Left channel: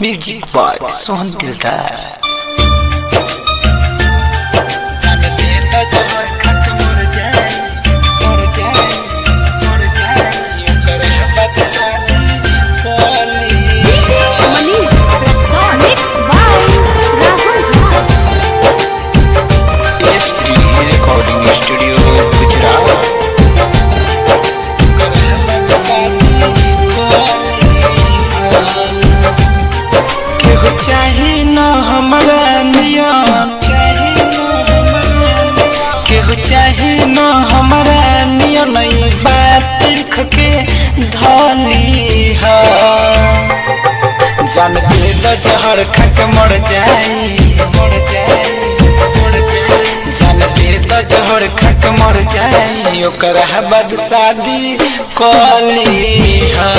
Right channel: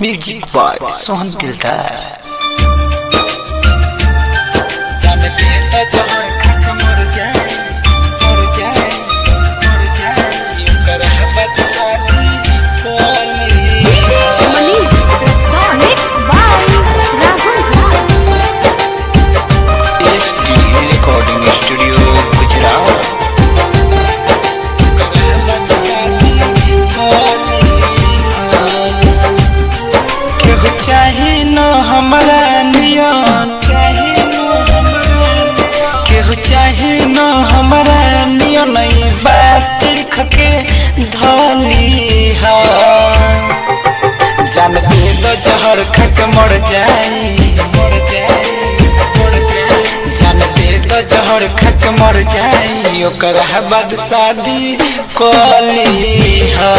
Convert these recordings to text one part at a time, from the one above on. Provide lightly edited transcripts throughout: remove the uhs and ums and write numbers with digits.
Music boy Sohan दिलदार। जानते तो जहर खक मर जाए यूं कर बदसाती कोली Manish Mixed by Rahul Rao। SD recording studio Gujarat. कर बदसाती कोली केहू चाही न हमरा नियन केहू चाही न हमरा नियन ई बात लिख के धली हा जानते तो जहर खक मर जाई जानते तो जहर खक मर जाई ओकर बाद शादी कली हा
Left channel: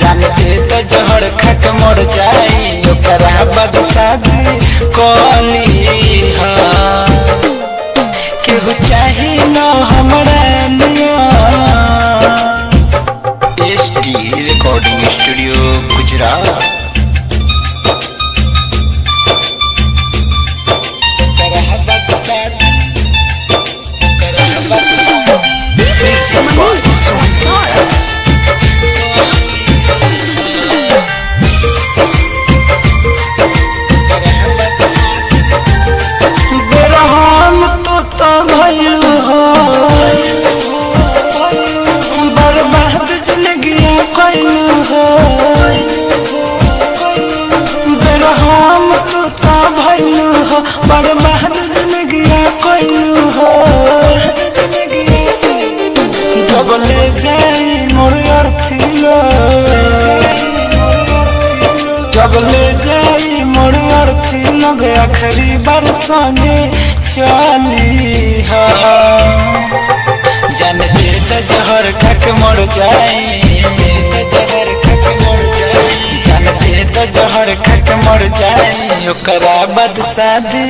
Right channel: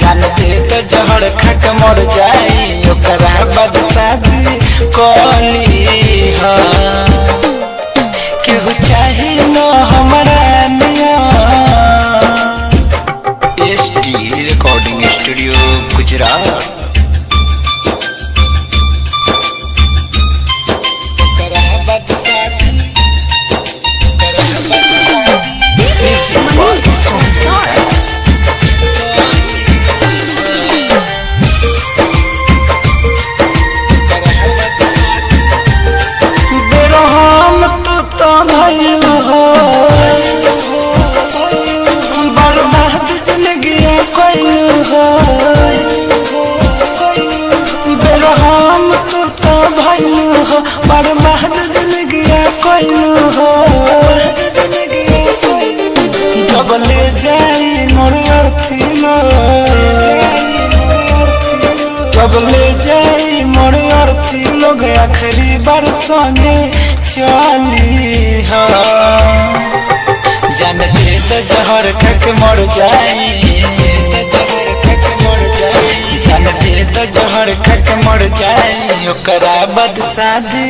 जानते तो जहर खक मर जाई ओकर बाद शादी कली हा केहू चाही न हमरा नियन SD recording studio Gujarat. Manish Sohan. बेरहम तो भइलू हो बर्बाद जिंदगी कइलू हो बेरहम तो भइलू हो बर्बाद जिंदगी कइलू हो जब ले जाई मोर अर्थी लो जब ले जाई मोर अर्थी लोग आखिरी बार संगे चली हा जानते तो जहर खक मर जाई जानते तो जहर खक मर जाई ओकरा बाद शादी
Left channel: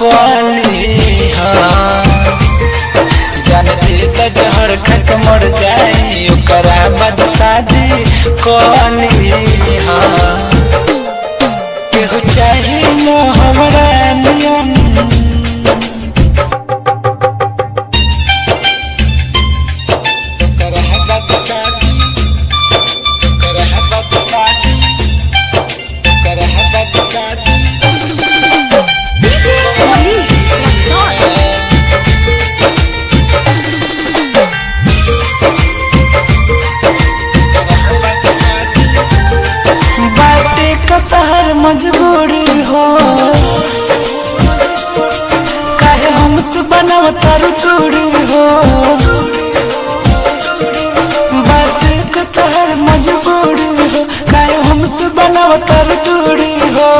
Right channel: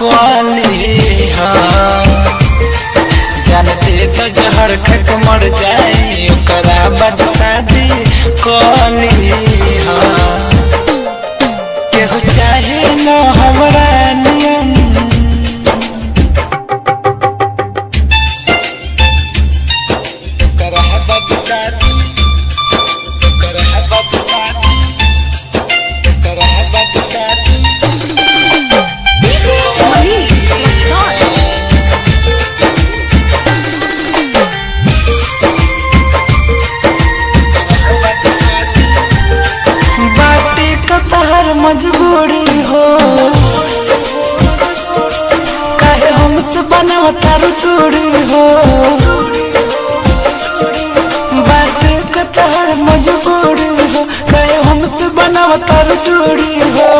कली हा जानते तो जहर खक मर जाई ओकरा बाद शादी कली हा केहू चाही न हमरा नियन ओकर बदसाती मनीष रक्सौल। बाटे कतहर मजबूरी हो काहे हमसे बनाव तारू दूरी हो बाटे कतहर मजबूरी हो काहे हमसे बनाव तारू दूरी हो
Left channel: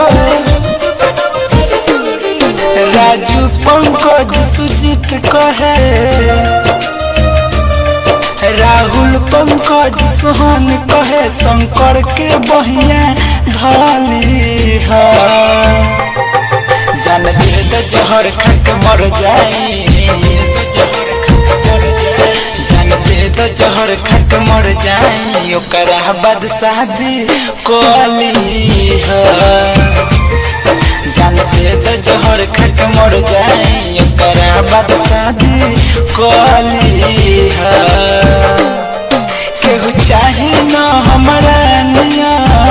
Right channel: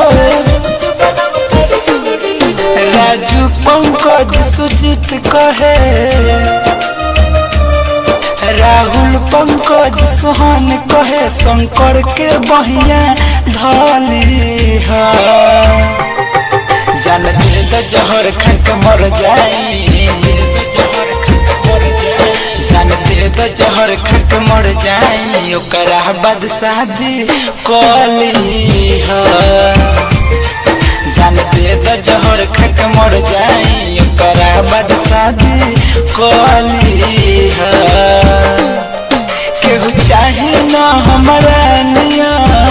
राजू पंकज सुजीत कहे राहुल पंकज सोहन कहे शंकर के बहिया धली हा जानते तो जहर खक मर जाई जानते तो जहर खक मर जाई ओकरा बाद शादी कली हा जानते तो जहर खक मर जाई ओकरा बाद शादी कली हा केहू चाही न हमरा नियन